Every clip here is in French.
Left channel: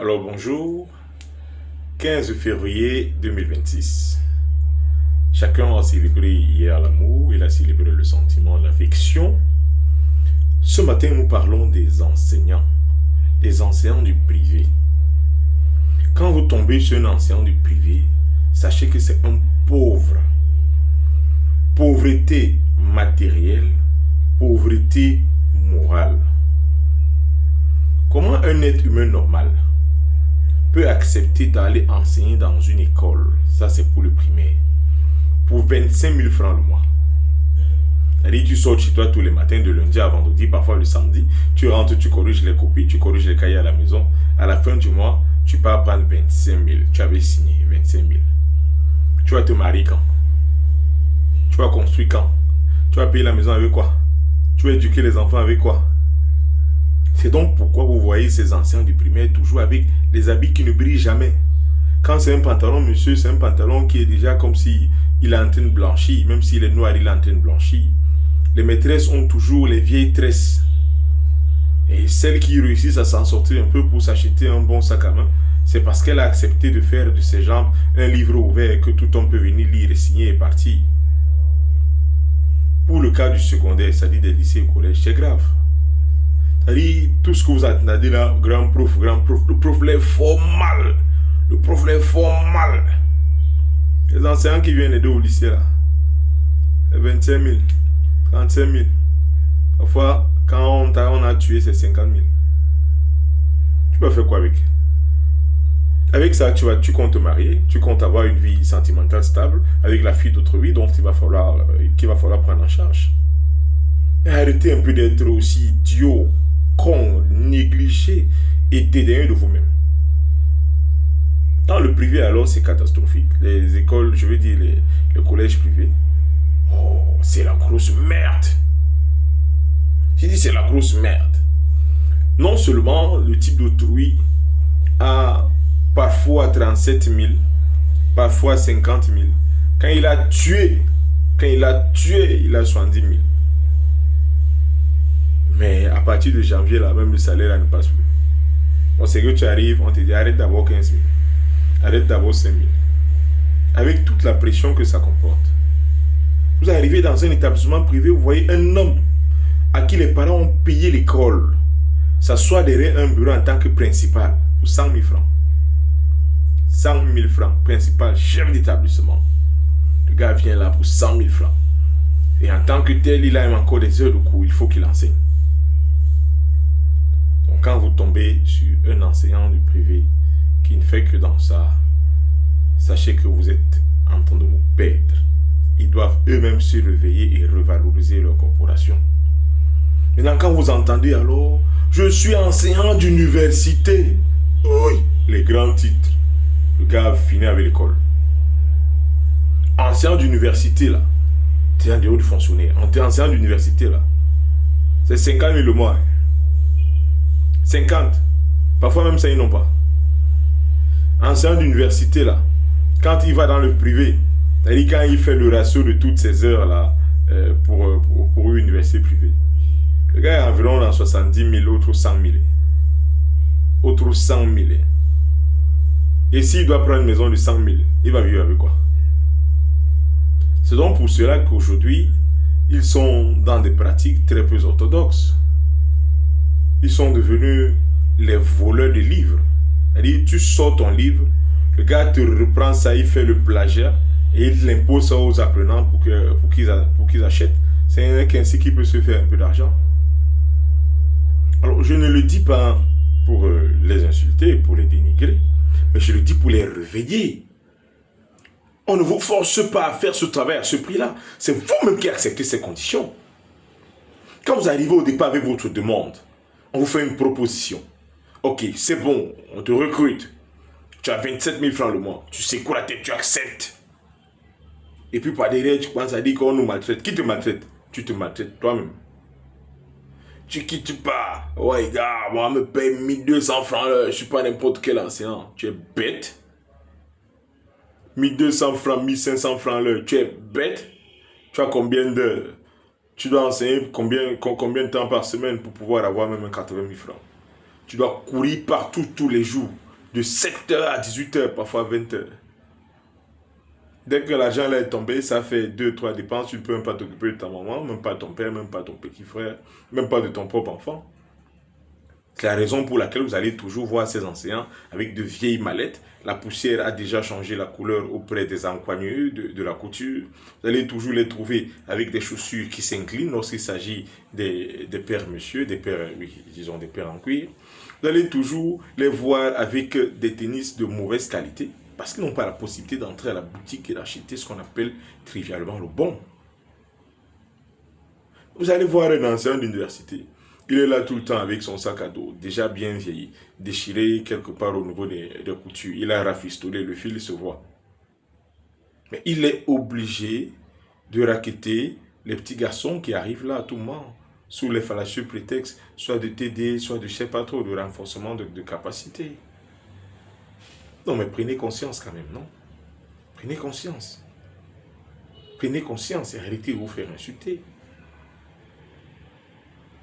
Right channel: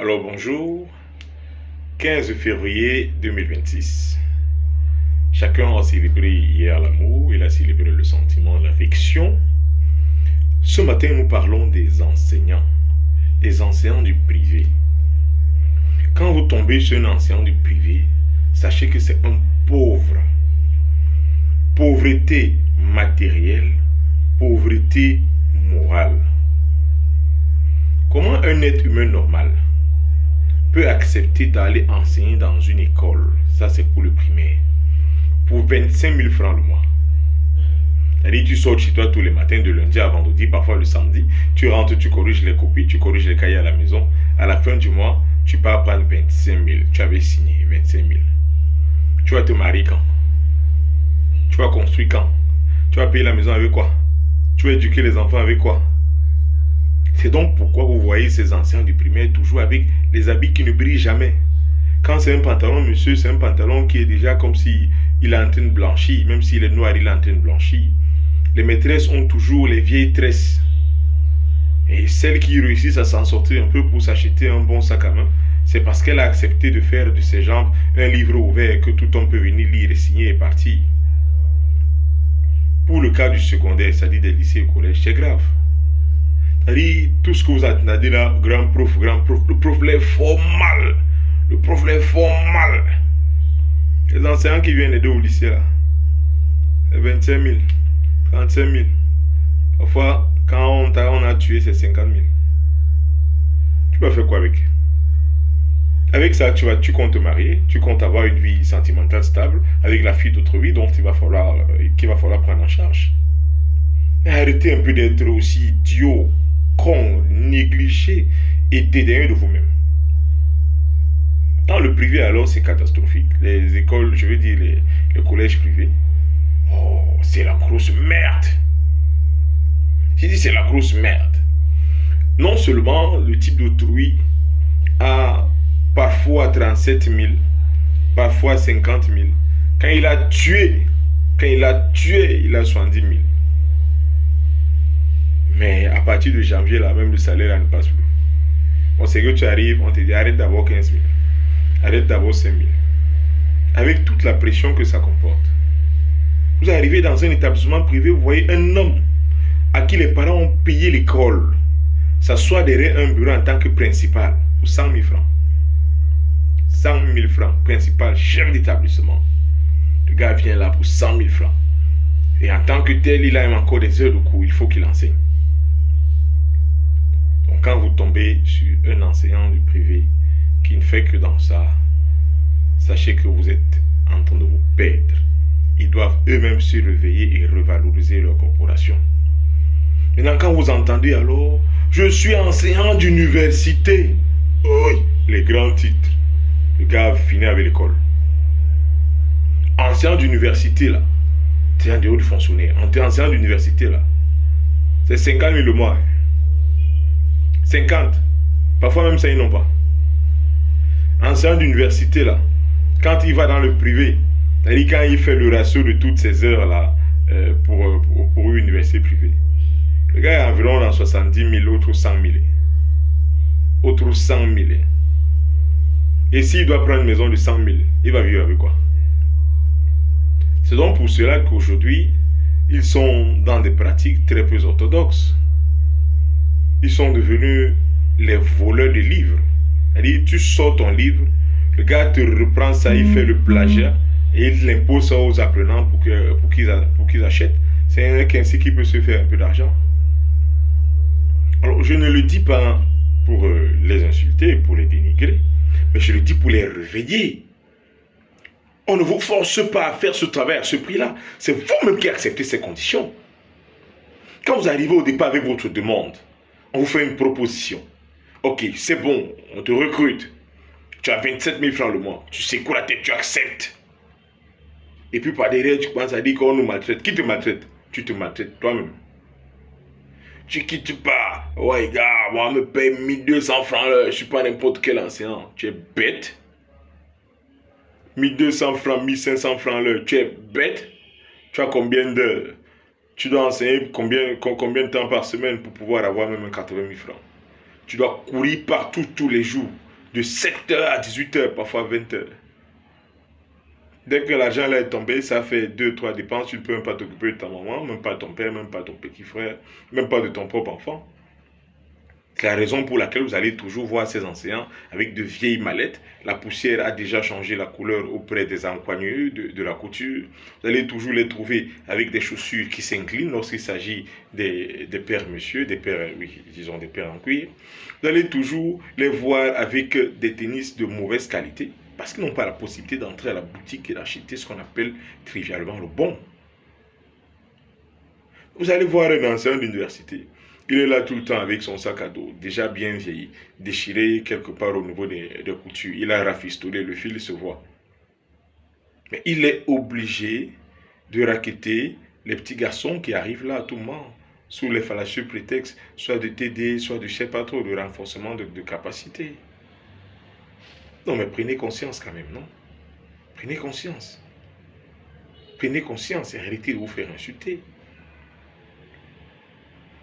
Alors bonjour, 15 février 2026. Chacun a célébré hier l'amour, il a célébré le sentiment, l'affection. Ce matin, nous parlons des enseignants du privé. Quand vous tombez sur un enseignant du privé, sachez que c'est un pauvre. Pauvreté matérielle, pauvreté morale. Comment un être humain normal peut accepter d'aller enseigner dans une école, ça c'est pour le primaire, pour 25 000 francs le mois? C'est-à-dire tu sors chez toi tous les matins, de lundi à vendredi, parfois le samedi, tu rentres, tu corriges les copies, tu corriges les cahiers à la maison, à la fin du mois, tu pars prendre 25 000, tu avais signé 25 000. Tu vas te marier quand? Tu vas construire quand? Tu vas payer la maison avec quoi? Tu vas éduquer les enfants avec quoi? C'est donc pourquoi vous voyez ces anciens du primaire toujours avec les habits qui ne brillent jamais. Quand c'est un pantalon, monsieur, c'est un pantalon qui est déjà comme si il est en train de blanchir. Même s'il est noir, il est en train de blanchir. Les maîtresses ont toujours les vieilles tresses. Et celles qui réussissent à s'en sortir un peu pour s'acheter un bon sac à main, c'est parce qu'elle a accepté de faire de ses jambes un livre ouvert que tout homme peut venir lire et signer et partir. Pour le cas du secondaire, c'est-à-dire des lycées et collèges, c'est grave. C'est-à-dire, tout ce que vous attendez là, grand prof, le prof les formal. Le prof les formal. Les enseignants qui viennent aider au lycée là, c'est 25 000, 35 000. Parfois, quand on a tué, c'est 50 000. Tu vas faire quoi avec? Avec ça, tu comptes te marier, tu comptes avoir une vie sentimentale stable avec la fille d'autrui, donc qu'il va falloir prendre en charge. Mais arrêtez un peu d'être aussi idiot, con, négligé et dédaigneux de vous-même. Dans le privé, alors, c'est catastrophique. Les écoles, je veux dire les collèges privés, oh, c'est la grosse merde. J'ai dit c'est la grosse merde. Non seulement le type d'autrui a parfois 37 000, parfois 50 000. Quand il a tué, il a 70 000. Mais à partir de janvier, là, même le salaire là, ne passe plus. On sait que tu arrives, on te dit arrête d'avoir 15 000. Arrête d'avoir 5 000. Avec toute la pression que ça comporte. Vous arrivez dans un établissement privé, vous voyez un homme à qui les parents ont payé l'école s'assoit derrière un bureau en tant que principal pour 100 000 francs. 100 000 francs, principal, chef d'établissement. Le gars vient là pour 100 000 francs. Et en tant que tel, il a encore des heures de cours, il faut qu'il enseigne. Donc quand vous tombez sur un enseignant du privé qui ne fait que dans ça, sachez que vous êtes en train de vous perdre. Ils doivent eux-mêmes se réveiller et revaloriser leur corporation. Maintenant, quand vous entendez alors, je suis enseignant d'université. Oui, les grands titres. Le gars finit avec l'école. Enseignant d'université là, c'est un des hauts du fonctionnaire. Enseignant d'université là, c'est 50 000 le mois. 50. Parfois même ça, ils n'ont pas. Enseignant d'université là, quand il va dans le privé, c'est-à-dire quand il fait le ratio de toutes ces heures là pour une université privée, le gars est environ dans 70 000, autres 100 000. Autres 100 000. Et s'il doit prendre une maison de 100 000, il va vivre avec quoi? C'est donc pour cela qu'aujourd'hui, ils sont dans des pratiques très peu orthodoxes. Ils sont devenus les voleurs de livres. C'est-à-dire, tu sors ton livre, le gars te reprend ça, il fait le plagiat et il l'impose ça aux apprenants pour qu'ils achètent. C'est ainsi qu'il peut se faire un peu d'argent. Alors, je ne le dis pas pour les insulter, pour les dénigrer, mais je le dis pour les réveiller. On ne vous force pas à faire ce travail à ce prix-là. C'est vous-même qui acceptez ces conditions. Quand vous arrivez au départ avec votre demande, on vous fait une proposition. Ok, c'est bon, on te recrute. Tu as 27 000 francs le mois. Tu sais quoi la tête, tu acceptes. Et puis par derrière, tu penses à dire qu'on nous maltraite. Qui te maltraite? Tu te maltraites toi-même. Tu quittes pas. Ouais, gars, moi, me paye 1200 francs l'heure. Je ne suis pas n'importe quel enseignant. Tu es bête. 1200 francs, 1500 francs l'heure. Tu es bête. Tu as combien d'heures? Tu dois enseigner combien de temps par semaine pour pouvoir avoir même 80 000 francs. Tu dois courir partout tous les jours. de 7h à 18h, parfois 20h. Dès que l'argent là est tombé, ça fait 2-3 dépenses, tu ne peux même pas t'occuper de ta maman, même pas de ton père, même pas de ton petit frère, même pas de ton propre enfant. C'est la raison pour laquelle vous allez toujours voir ces enseignants avec de vieilles mallettes. La poussière a déjà changé la couleur auprès des encoignures de la couture. Vous allez toujours les trouver avec des chaussures qui s'inclinent lorsqu'il s'agit des pères monsieur, des pères, oui, disons des pères en cuir. Vous allez toujours les voir avec des tennis de mauvaise qualité parce qu'ils n'ont pas la possibilité d'entrer à la boutique et d'acheter ce qu'on appelle trivialement le bon. Vous allez voir un enseignant d'université. Il est là tout le temps avec son sac à dos, déjà bien vieilli, déchiré quelque part au niveau des coutures. Il a rafistolé, le fil se voit. Mais il est obligé de racketter les petits garçons qui arrivent là à tout moment, sous les fallacieux prétextes, soit de TD, soit de je ne sais pas trop, de renforcement de capacité. Non, mais prenez conscience quand même, non? Prenez conscience. Prenez conscience et arrêtez de vous faire insulter.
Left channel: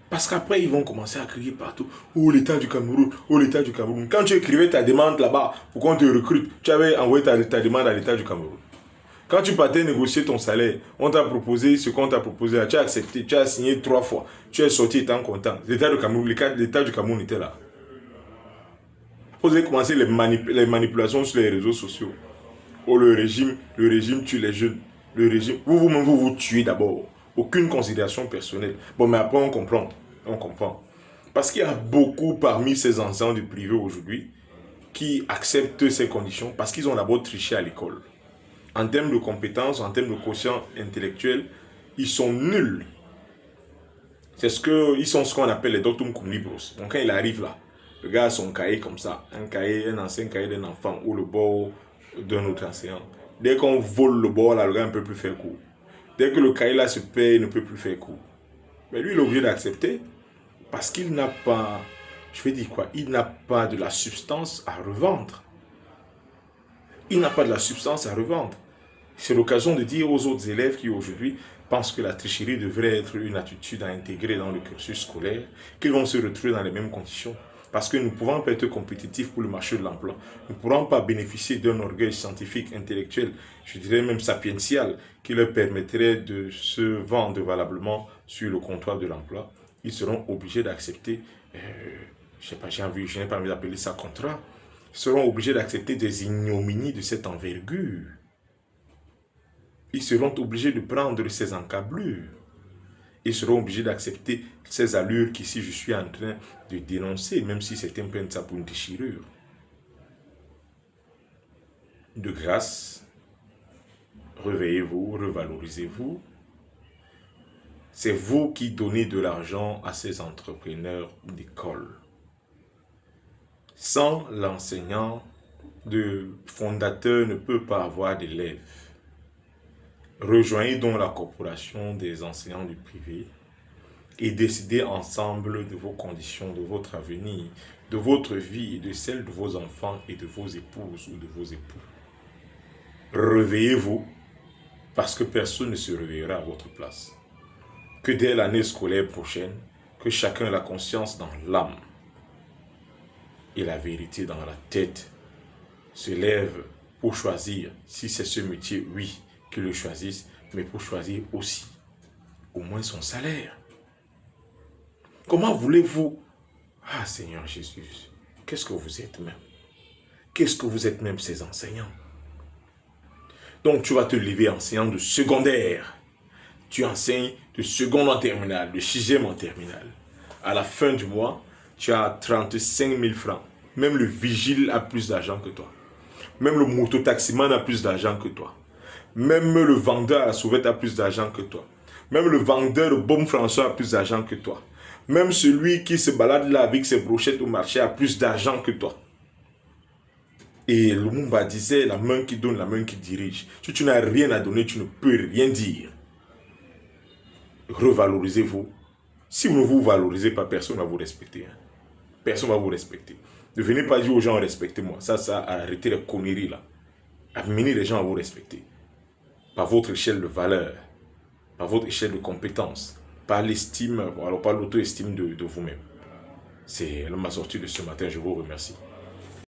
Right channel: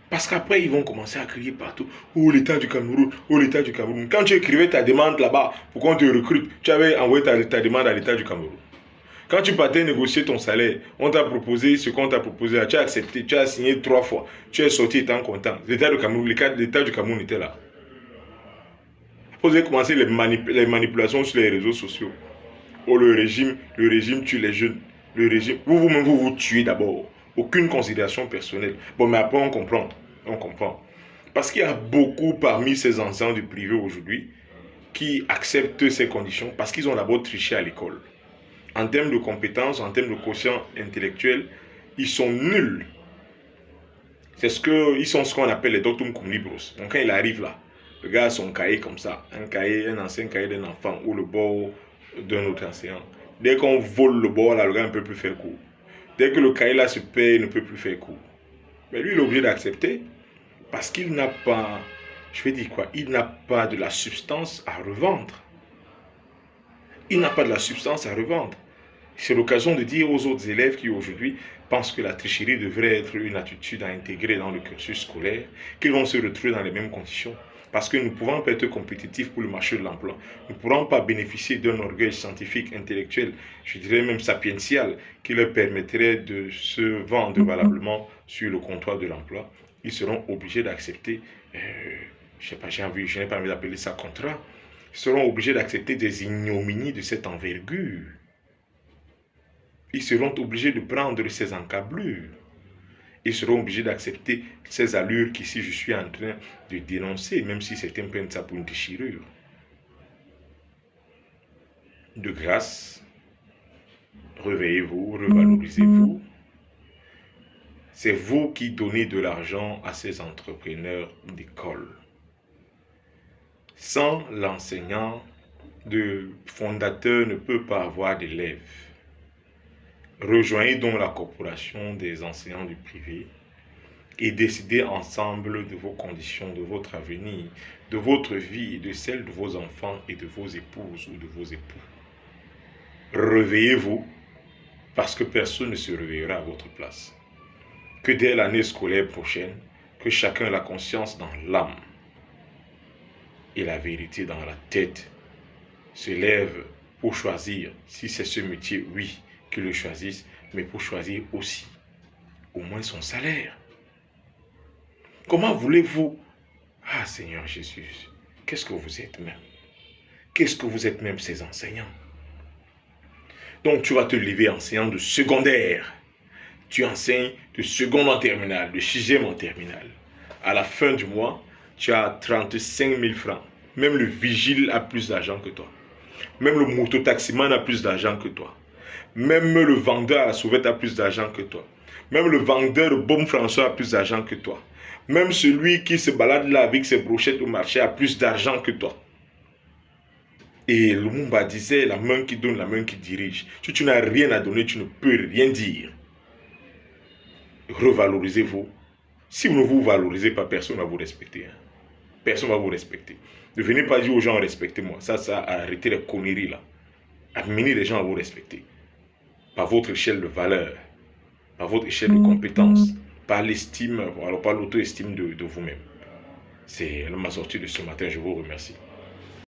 Parce qu'après, ils vont commencer à crier partout. Oh, l'État du Cameroun, oh, l'État du Cameroun. Quand tu écrivais ta demande là-bas pour qu'on te recrute, tu avais envoyé ta demande à l'État du Cameroun. Quand tu partais négocier ton salaire, on t'a proposé ce qu'on t'a proposé, tu as accepté, tu as signé 3 fois, tu es sorti étant content. L'État du Cameroun était là. Vous avez commencé les manipulations sur les réseaux sociaux. Oh, le régime tue les jeunes. Le régime, vous-même, vous tuez d'abord. Aucune considération personnelle. Bon, mais après, on comprend. On comprend. Parce qu'il y a beaucoup parmi ces enseignants du privé aujourd'hui qui acceptent ces conditions parce qu'ils ont d'abord triché à l'école. En termes de compétences, en termes de quotient intellectuel, ils sont nuls. Ils sont ce qu'on appelle les doctum cum libros. Donc quand il arrive là, le gars a son cahier comme ça, un ancien cahier d'un enfant ou le bord d'un autre enseignant. Dès qu'on vole le bord là, le gars ne peut plus faire cours. Dès que le cahier là se perd, il ne peut plus faire cours. Mais lui, il est obligé d'accepter parce qu'il n'a pas, je vais dire quoi, il n'a pas de la substance à revendre. Il n'a pas de la substance à revendre. C'est l'occasion de dire aux autres élèves qui aujourd'hui pensent que la tricherie devrait être une attitude à intégrer dans le cursus scolaire, qu'ils vont se retrouver dans les mêmes conditions. Parce que nous ne pouvons pas être compétitifs pour le marché de l'emploi. Nous ne pourrons pas bénéficier d'un orgueil scientifique, intellectuel, je dirais même sapiential, qui leur permettrait de se vendre valablement sur le comptoir de l'emploi. Ils seront obligés d'accepter, je n'ai pas envie d'appeler ça contrat, ils seront obligés d'accepter des ignominies de cette envergure. Ils seront obligés de prendre ces encablures. Ils seront obligés d'accepter ces allures qu'ici je suis en train de dénoncer, même si certains prennent ça pour une déchirure. De grâce, réveillez-vous, revalorisez-vous. C'est vous qui donnez de l'argent à ces entrepreneurs d'école. Sans l'enseignant, le fondateur ne peut pas avoir d'élèves. Rejoignez donc la corporation des enseignants du privé et décidez ensemble de vos conditions, de votre avenir, de votre vie et de celle de vos enfants et de vos épouses ou de vos époux. Réveillez-vous parce que personne ne se réveillera à votre place. Que dès l'année scolaire prochaine, que chacun ait la conscience dans l'âme et la vérité dans la tête se lève pour choisir, si c'est ce métier, oui, qu'il le choisisse, mais pour choisir aussi au moins son salaire. Comment voulez-vous? Ah Seigneur Jésus, qu'est-ce que vous êtes même? Qu'est-ce que vous êtes même ces enseignants? Donc tu vas te lever enseignant de secondaire. Tu enseignes de seconde en terminale, de 6e en terminale. À la fin du mois, tu as 35 000 francs. Même le vigile a plus d'argent que toi. Même le mototaximan a plus d'argent que toi. Même le vendeur à la sauvette a plus d'argent que toi. Même le vendeur de Baume François a plus d'argent que toi. Même celui qui se balade là avec ses brochettes au marché a plus d'argent que toi. Et Lumumba disait, la main qui donne, la main qui dirige. Si tu n'as rien à donner, tu ne peux rien dire. Revalorisez-vous. Si vous ne vous valorisez pas, personne ne va vous respecter. Personne ne va vous respecter. Ne venez pas dire aux gens, respectez-moi. Ça, arrêtez les conneries là. Amenez les gens à vous respecter. Par votre échelle de valeur, par votre échelle de compétence, par l'estime, alors par l'auto-estime de vous-même. C'est ma sortie de ce matin, je vous remercie.